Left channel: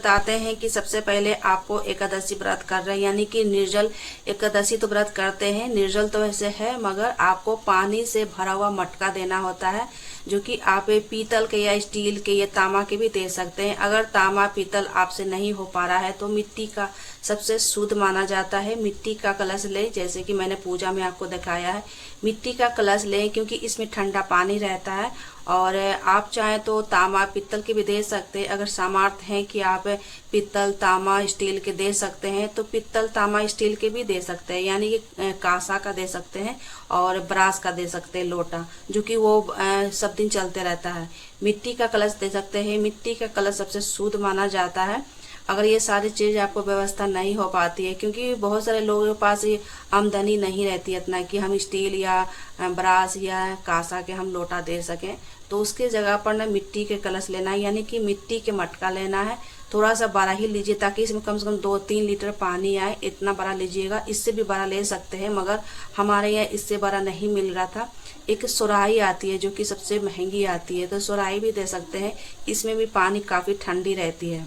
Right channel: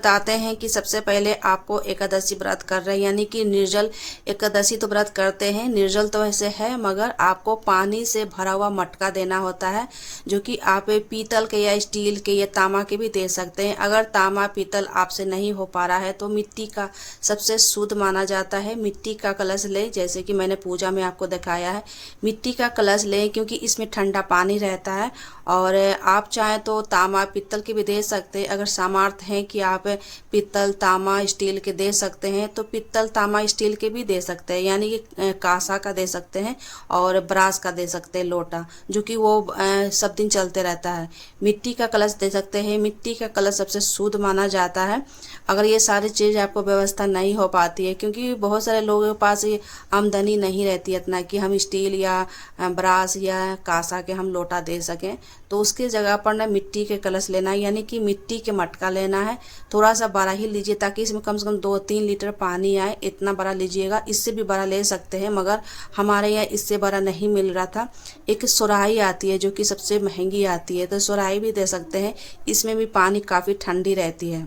बताते हैं कि सबसे पहले आपको एकादशी व्रत कर रहे हैं, यानी कि निर्जल एकादशी तो व्रत करते हैं। निर्जल तो ऐसे है, मगर आपको पानी से भरा हुआ मटका देना होता है, जो कि आप पीतल के या स्टील के या तांबा के भी दे सकते हैं। अगर तांबा पीतल आपसे नहीं हो पा रहा है तो मिट्टी का सबसे शुद्ध माना जाता है। मिट्टी का कलश लें, जैसे कि मैंने पूजा में आपको दिखाया है। मिट्टी का कलश लें क्योंकि इसमें ठंडा पानी रहता है। और आप चाहें तो तांबा पीतल के भी दे सकते हैं। अगर सामर्थ्य है कि आप पीतल तांबा स्टील के दे सकते हैं तो पीतल तांबा स्टील के भी दे सकते हैं, यानी कि कांसा का दे सकते हैं और ब्रास का दे सकते हैं, लोटा, जो कि वो सब दिन चलते रहता है। मिट्टी का कलश दे सकते हैं। मिट्टी का कलश सबसे शुद्ध माना जाता है। अगर ये सारी चीज़ आपको व्यवस्था नहीं हो पाती है, क्योंकि बहुत सारे लोगों के पास ये आमदनी नहीं रहती है इतना कि हम स्टील या ब्रास या कांसा के हम लोटा दे सकें, तो उसकी जगह पर ना मिट्टी के कलश लेना है, यानी कि मिट्टी के मटका लेना है। थोड़ा सा बड़ा ही लीजिए ताकि इसमें कम से कम 2-3 लीटर पानी आए, इतना बड़ा लीजिएगा। इससे भी बड़ा ले सकते हैं, मगर हमारे यहाँ इससे बड़ा नहीं मिल रहा था। एक सुराही आती है जो कि सबसे महंगी आती है, तो सुराही भी दे सकते हैं। इसमें भी पानी काफ़ी ठंडी रहती है।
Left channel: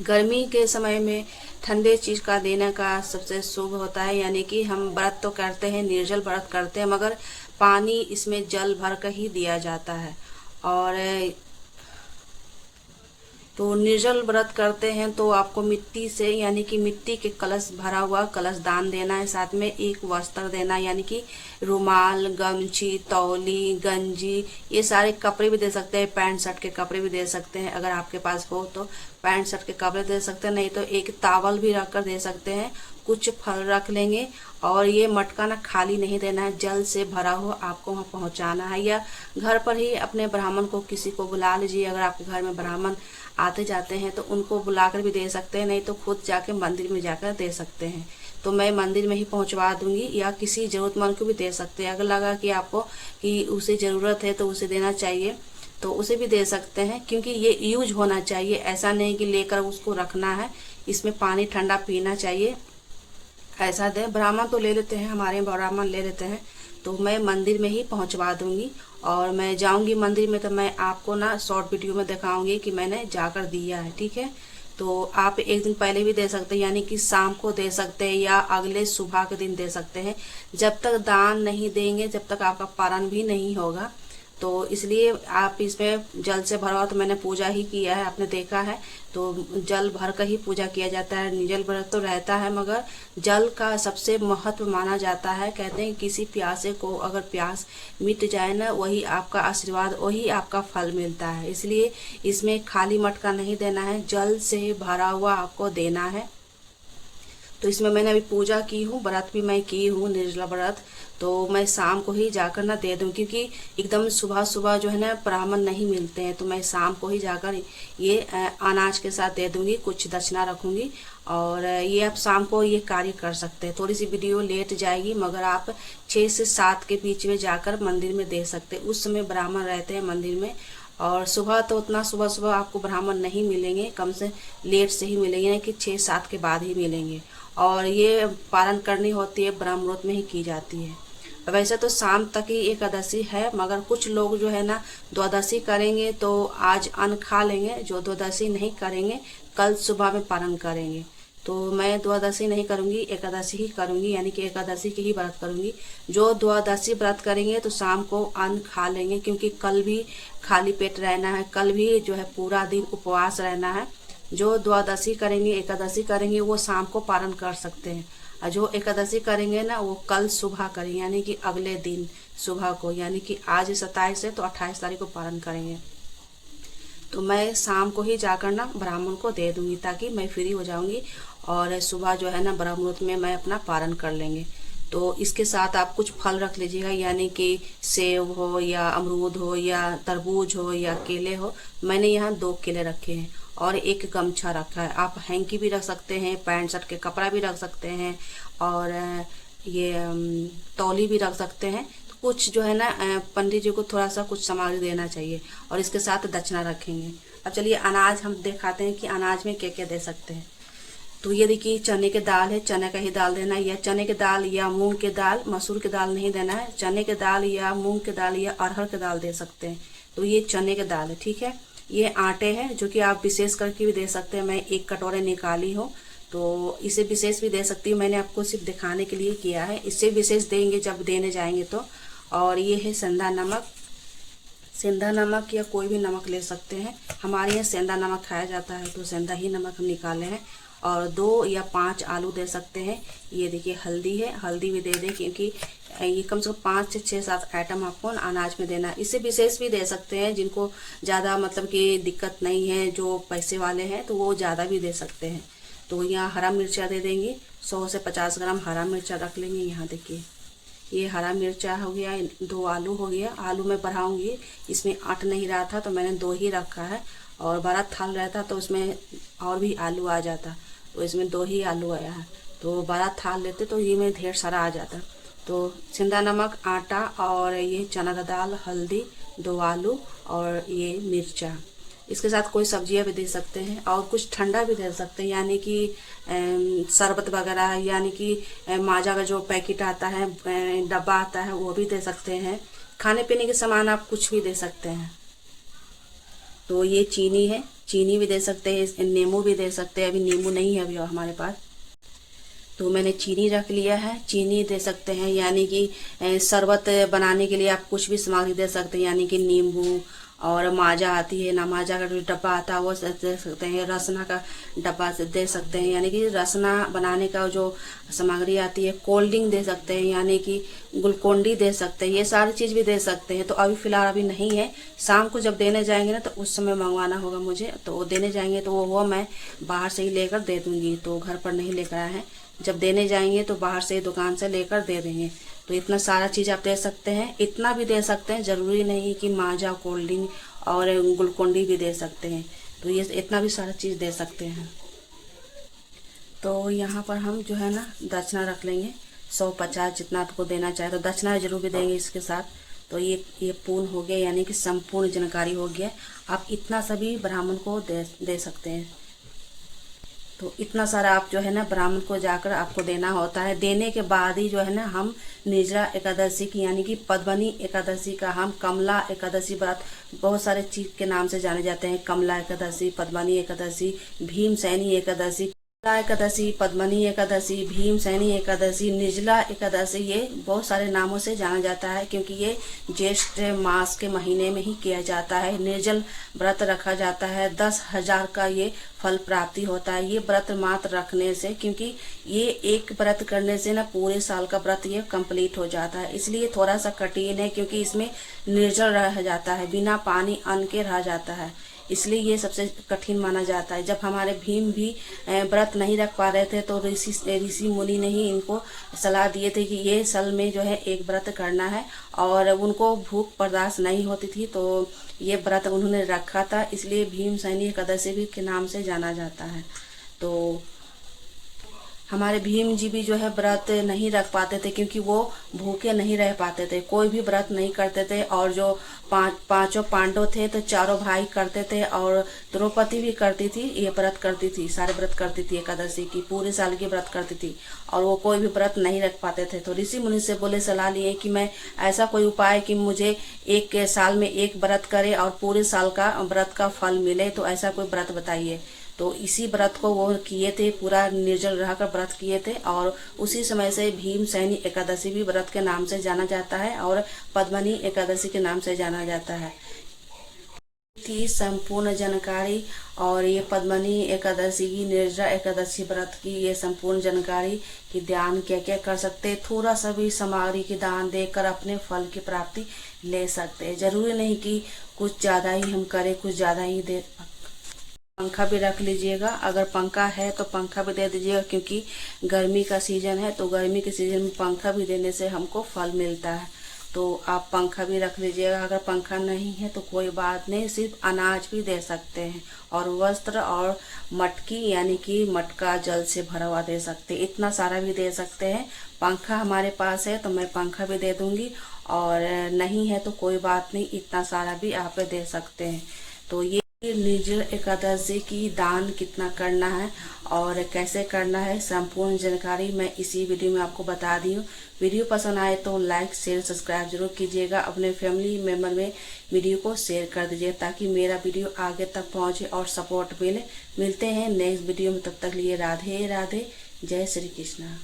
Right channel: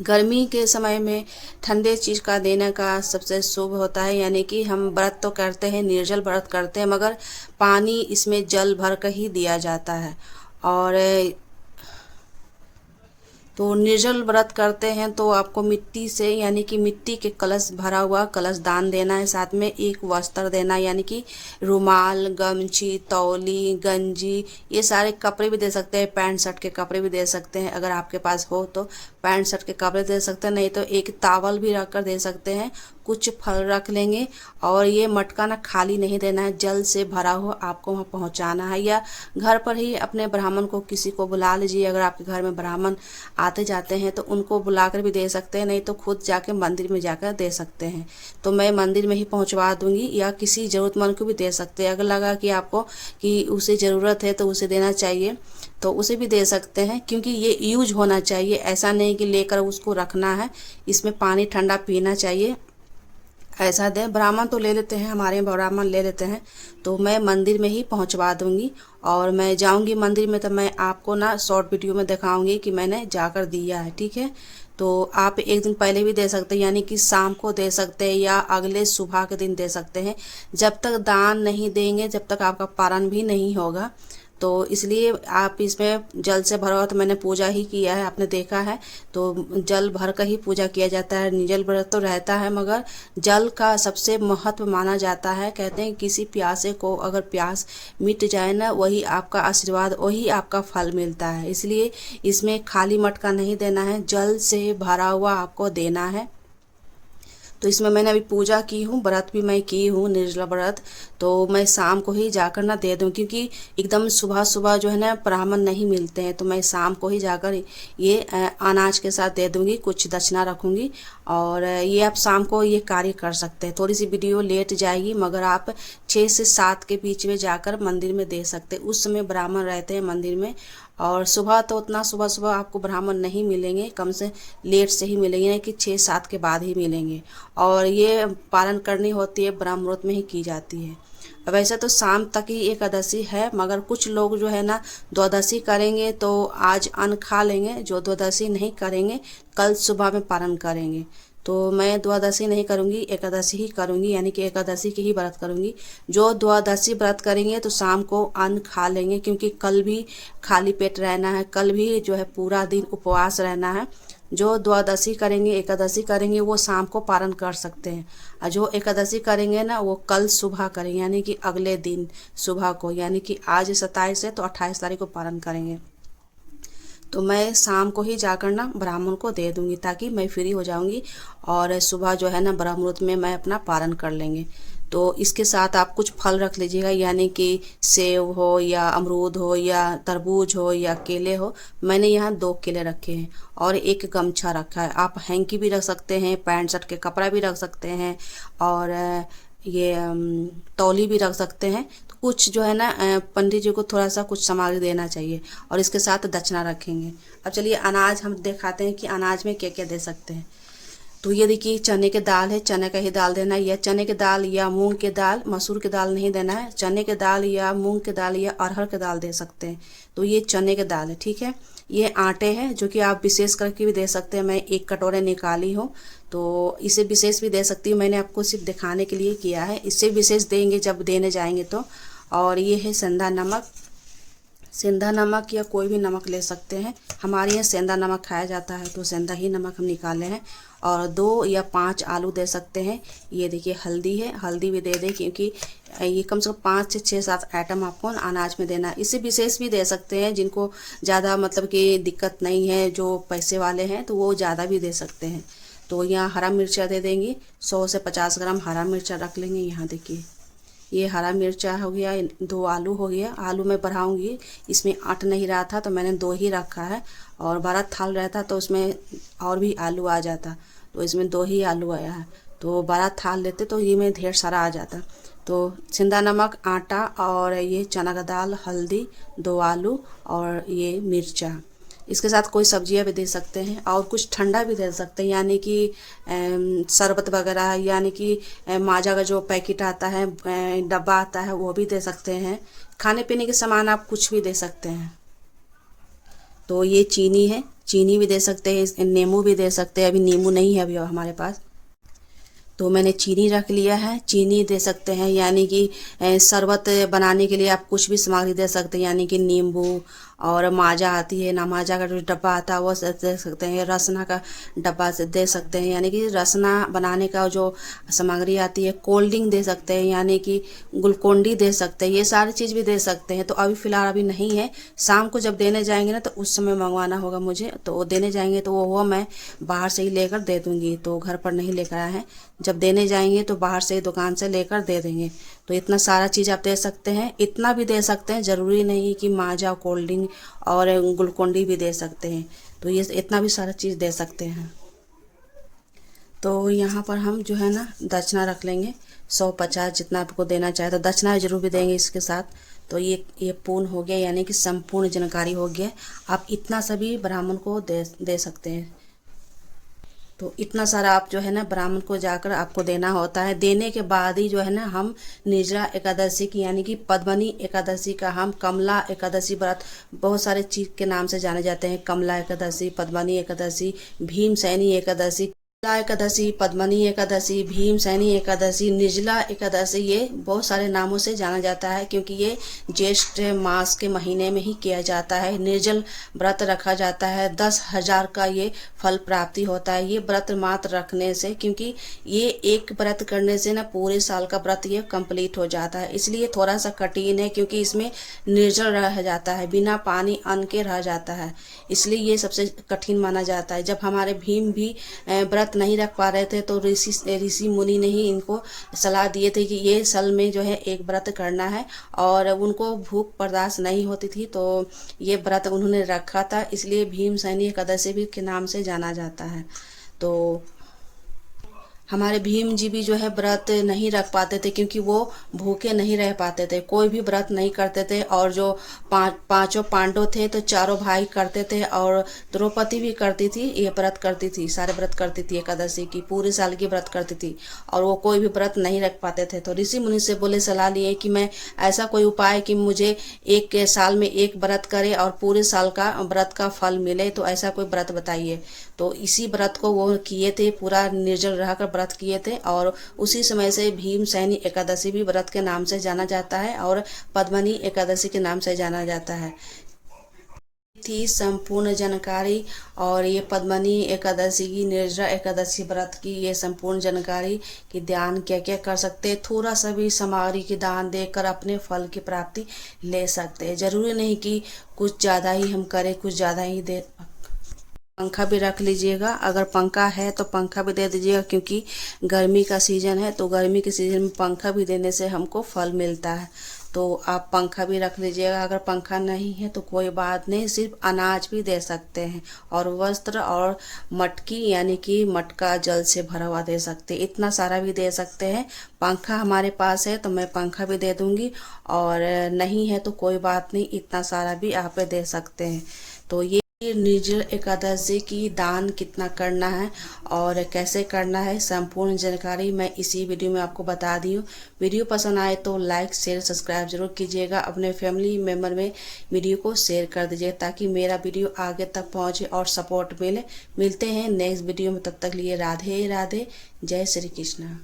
गर्मी के समय में ठंडे चीज़ का देने का सबसे शुभ होता है, यानी कि हम व्रत तो करते हैं, निर्जल व्रत करते हैं, मगर पानी इसमें जल भर कर ही दिया जाता है। और तो निर्जल व्रत करते हैं तो आपको मिट्टी से, यानी कि मिट्टी के कलश भरा हुआ कलश दान देना है। साथ में एक वस्त्र देना है, यानी कि रुमाल, गमछी, तौली, गंजी, ये सारे कपड़े भी दे सकते हैं। पैंट शर्ट के कपड़े भी दे सकते हैं, अगर आपके पास हो तो पैंट शर्ट के कपड़े दे सकते हैं, नहीं तो एक तावल भी रख कर दे सकते हैं। कुछ फल रख लेंगे। और ये मटका ना खाली नहीं देना है, जल से भरा हुआ आपको वहाँ पहुँचाना है। या घर पर ही अपने ब्राह्मण को किसी को बुला लीजिए, अगर आपके घर में ब्राह्मण आते जाते हैं तो उनको बुलाकर भी दे सकते हैं, नहीं तो खुद जाके मंदिर में जाकर दे सकते हैं। तो मैं मंदिर में ही पहुँचवा दूंगी, या किसी ज़रूरतमंद को भी दे सकते हैं। अगर लगा कि आपको कि उसे ज़रूरत है तो उसे देना चाहिए तो उसे भी दे सकते हैं, क्योंकि ये यूज होना चाहिए। ऐसा नहीं कि लेकर उसको रखना है, इसमें पानी ठंडा पीना चाहिए, ऐसा दें। ब्राह्मण तो ले लेते हैं, हमारे ब्राह्मण ले लेते हैं, तो मैं मंदिर में ही पहुंचवा दूंगी। और मैं जाऊंगी मंदिर में तो मैं आपको ना शॉर्ट वीडियो में दिखाऊंगी कि मैंने जाकर दिया है, ठीक है। तो आप एक दिन पहले भी दे सकते हैं, यानी कि शाम को दे सकते हैं या अगले सुबह के दिन दे सकते हैं। जब तक दान नहीं देंगे जब तक आपका पारण भी नहीं होगा। तो इसलिए आप इसमें जल से भरा हुआ, तो मैंने पूजा ही किया है, आपने देखा है। तो जल भर कर ही पूजा किया जाता है। निर्जल व्रत तो रहता है, मगर जल का सबसे महत्व माना जाता है। कहते हैं किसी प्यासे को अगर प्यास मिट जाए ना, वही आपका आशीर्वाद, वही आपका फल मिलता है। इसलिए इसमें खाली मटका नहीं देना है, जल से भरा हुआ आपको देना है। तो इसमें मैंने अभी पूजा की हूँ, व्रत भी मैं की हूँ, निर्जला व्रत। तो मैं शाम को ही जाकर ना दे दूँ, क्योंकि एकदम सुबह सुबह जो है ना ब्राह्मण नहीं मिलते हैं, तो मैं शाम को ही जाकर ये अनाज के साथ दे दूँगी, कुछ दक्षिणा रखूँगी। और ये आप शाम को ये कार्य कर सकते हैं। थोड़ी सी वीडियो लेट जाएगी, मगर आप 6 से 7 के बीच में जाकर मंदिर में दे सकते हैं। उस समय ब्राह्मण रहते हैं मंदिर में। और सुबह तो उतना सुबह सुबह आपको ब्राह्मण नहीं मिलेंगे, कम से लेट से ही मिलेंगे, यानी कि 6-7 के बाद ही मिलेंगे। और ये पारण करनी होती है, ब्रह्म मुहूर्त में ही की जाती है। वैसे तो शाम तक ही एकादशी है, मगर कुछ लोग जो है ना द्वादशी करेंगे तो आज अन्न खा लेंगे, जो द्वादशी नहीं करेंगे कल सुबह में पारण करेंगे। तो मैं द्वादशी नहीं करूँगी, एकादशी ही करूँगी, यानी कि एकादशी की ही व्रत करूँगी। जो द्वादशी व्रत करेंगे तो शाम को अन्न खा लेंगे, क्योंकि कल भी खाली पेट रहना है, कल भी जो है पूरा दिन उपवास रहना है। जो द्वादशी करेंगे, एकादशी करेंगे, वो शाम को पारण कर सकते हैं। और जो एकादशी करेंगे ना, वो कल सुबह करेंगे, यानी कि अगले दिन सुबह को, यानी कि आज 27 है तो 28 तारीख को पारण करेंगे। तो मैं शाम को ही जाकर ना ब्राह्मण को दे दूंगी, ताकि मैं फ्री हो जाऊंगी और सुबह जो है ना ब्रह्म मुहूर्त में मैं अपना पारण कर लेंगे। तो इसके साथ आप कुछ फल रख लीजिएगा, यानी कि सेब हो या अमरूद हो या तरबूज हो या केले हो। मैंने यहाँ 2 केले रखे हैं और एक गमछा रखा है। आप हैंकी भी रख सकते हैं, पैंट शर्ट के कपड़ा भी रख सकते हैं, और ये तौली भी रख सकते हैं। कुछ जो है ना पंडित जी को थोड़ा सा कुछ सामग्री देना चाहिए, और इसके साथ दक्षिणा रखेंगे। अब चलिए अनाज हम दिखाते हैं कि अनाज में क्या क्या दे सकते हैं। तो ये देखिए चने के दाल है, चने का ही दाल देना है, या चने के दाल या मूंग के दाल, मसूर के दाल नहीं देना है। चने के दाल या मूंग के दाल या अरहर के दाल दे सकते हैं। तो ये चने के दाल है, ठीक है। ये आटे हैं जो कि आप विशेष करके भी दे सकते हैं। मैं 1 कटोरे निकाली हूँ, तो इसे विशेष भी दे सकती हूँ। मैंने आपको सिर्फ दिखाने के लिए किया है, इससे विशेष देंगे जब देने जाएंगे तो। और ये है सेंधा नमक। सेंधा नमक या कोई भी नमक ले सकते हैं, हमारे यहाँ सेंधा नमक खाया जाता है तो सेंधा ही नमक हम निकाले हैं। और 2 या 5 आलू दे सकते हैं। ये देखिए हल्दी है, हल्दी भी दे दें क्योंकि ये कम से कम 5 से 6-7 आइटम आपको अनाज में देना है। इसे विशेष भी दे सकते हैं, जिनको ज़्यादा मतलब कि दिक्कत नहीं है, जो पैसे वाले हैं तो वो ज़्यादा भी दे सकते हैं। तो यहाँ हरा मिर्चा दे देंगे, 100 से 50 ग्राम हरा मिर्चा रख लेंगे। यहाँ देखिए ये हरा मिर्चा हो गया, 2 आलू हो गया। आलू मैं बढ़ाऊंगी, इसमें 8 नहीं रहा था तो मैंने 2 ही रखा है, और 12 थाल रहता तो उसमें और भी आलू आ जाता, तो इसमें 2 ही आलू आया है। तो 12 थाल लेते तो ये में ढेर सारा आ जाता। तो सेंधा नमक, आटा और ये चना का दाल, हल्दी, 2 आलू और ये मिर्चा। इसके साथ कोई सब्जियां भी दे सकते हैं और कुछ ठंडा भी दे सकते हैं, यानी कि शरबत वगैरह, यानी कि माजा का जो पैकेट आता है, डब्बा आता है, वो भी दे सकते हैं। खाने पीने के सामान आप कुछ भी दे सकते हैं। तो ये चीनी है, चीनी भी दे सकते हैं, नींबू भी दे सकते हैं। अभी नींबू नहीं है अभी हमारे पास, तो मैंने चीनी रख लिया है। चीनी दे सकते हैं, यानी कि शरबत बनाने के लिए आप कुछ भी सामग्री दे सकते हैं, यानी कि नींबू, और माजा आती है ना, माजा का जो डब्बा आता है वो दे सकते हैं। रसना का डब्बा से दे सकते हैं, यानी कि रसना बनाने का जो सामग्री आती है। कोल्ड ड्रिंक दे सकते हैं, यानी कि ग्लूकोन डी दे सकते हैं। ये सारी चीज़ भी दे सकते हैं। तो अभी फ़िलहाल अभी नहीं है, शाम को जब देने जाएंगे ना तो उस समय मंगवाना होगा मुझे। तो वो देने जाएंगे तो वो मैं बाहर से ही लेकर दे दूँगी, तो घर पर नहीं लेकर आए हैं। जब देने जाएंगे तो बाहर से दुकान से लेकर दे देंगे। तो इतना सारा चीज़ आप दे सकते हैं, इतना भी दे सकते हैं। ज़रूरी नहीं कि माजा, कोल्ड ड्रिंक और ग्लूकोन डी भी दे सकते हैं। तो ये इतना भी सारा चीज़ दे सकते हैं। तो यहाँ पर हम जो है ना दक्षिणा रख लेंगे, 150 जितना आपको देना चाहे तो दक्षिणा जरूर भी देंगे इसके साथ। तो ये पूर्ण हो गया, यानी कि संपूर्ण जानकारी हो गया। आप इतना सभी ब्राह्मण को दे सकते हैं। तो इतना सारा आप जो है ना ब्राह्मण को जाकर आपको देना होता है। देने के बाद ही जो है ना हम निर्जला एकादशी की, यानी कि पद्मनी एकादशी का, हम कमला एकादशी व्रत बहुत सारे चीज के नाम से जाने जाते हैं। कमला एकादशी, पद्मनी एकादशी, भीमसैनी एकादशी, एकादशी, पद्मनी एकादशी, भीमसैनी एकादशी, निर्जला एकादशी, ये बहुत सारे नामों से जाना जाता है, क्योंकि ये ज्येष्ठ मास के महीने में ही किया जाता है। निर्जल व्रत रखा जाता है, 10,000 का ये फल प्राप्ति होता है ये व्रत मात्र रखने से, क्योंकि ये एक व्रत करने से ना पूरे साल का व्रत ये कंप्लीट हो जाता है। इसलिए थोड़ा सा कठिन है, क्योंकि इसमें निर्जल रह जाता है, बिना पानी अन्न के रह जाता है, इसलिए ये सबसे कठिन माना जाता है। जब हमारे भीम भी व्रत नहीं रख पा रहे थे तो ऋषि मुनि ने ही इनको सलाह दिए थे कि ये साल में जो है एक व्रत करना है, और उनको भूख बर्दाश्त नहीं होती थी तो ये व्रत उन्होंने रखा था, इसलिए भीमसैनी एकादशी भी के नाम से जाना जाता है। तो हमारे भीम जी भी जो है व्रत नहीं रख पाते थे, क्योंकि वो भूखे नहीं रह पाते थे, कोई भी व्रत नहीं करते थे। और जो पांचों पांडव थे तो चारों भाई करते थे, और द्रौपदी भी करती थी, ये व्रत करती थी, सारे व्रत करती थी, एकादशी की पूरे साल की व्रत करती थी, और वो कोई भी व्रत नहीं रख पाते थे। तो ऋषि मुनि से बोले, सलाह लिए कि मैं ऐसा कोई उपाय कि मुझे एक साल में एक व्रत करे और पूरे साल का व्रत का फल मिले, तो ऐसा कोई व्रत बताइए। तो इसी व्रत को वो किए थे, पूरा निर्जल रहकर व्रत किए थे, और उसी समय से भीमसैनी एकादशी भी व्रत के नाम से जाना जाता है, और पद्मनी एकादशी के नाम से जाना जाता है। थी संपूर्ण जानकारी, और ये पद्मनी एकादशी की, निर्जला एकादशी व्रत की ये संपूर्ण जानकारी कि ध्यान क्या क्या कर सकते हैं। थोड़ा सा भी सामग्री की दान देकर अपने फल की प्राप्ति ले सकते हैं। जरूरी नहीं कि कुछ ज़्यादा ही हम करें, कुछ ज़्यादा ही दे। पंखा भी रख लीजिएगा, अगर पंखा है तो पंखा भी दे दीजिएगा, क्योंकि गर्मी का सीजन है, तो गर्मी के सीजन में पंखा भी देने से हमको फल मिलता है। तो आप पंखा भी रख लीजिएगा। अगर पंखा नहीं है तो कोई बात नहीं, सिर्फ अनाज भी दे सकते हैं, और वस्त्र और मटकी, यानी कि मटका जल से भरा हुआ दे सकते हैं। इतना सारा भी दे सकते हैं। पंखा हमारे पास है तो मैं पंखा भी दे दूंगी, और नहीं है तो कोई बात नहीं, इतना सारा भी आप दे सकते हैं। तो ये ये निर्जल एकादशी की दान कितना करना है और कैसे करना है, संपूर्ण जानकारी मैं इसी वीडियो में आपको बता दी हूँ। वीडियो पसंद आए तो लाइक शेयर सब्सक्राइब जरूर कीजिएगा। अपने फैमिली मेम्बर में वीडियो को शेयर कर दीजिए ताकि मेरा वीडियो आगे तक पहुँचे और सपोर्ट मिले। मिलते हैं नेक्स्ट वीडियो में, तब तक लिए राधे राधे, जय श्री कृष्ण।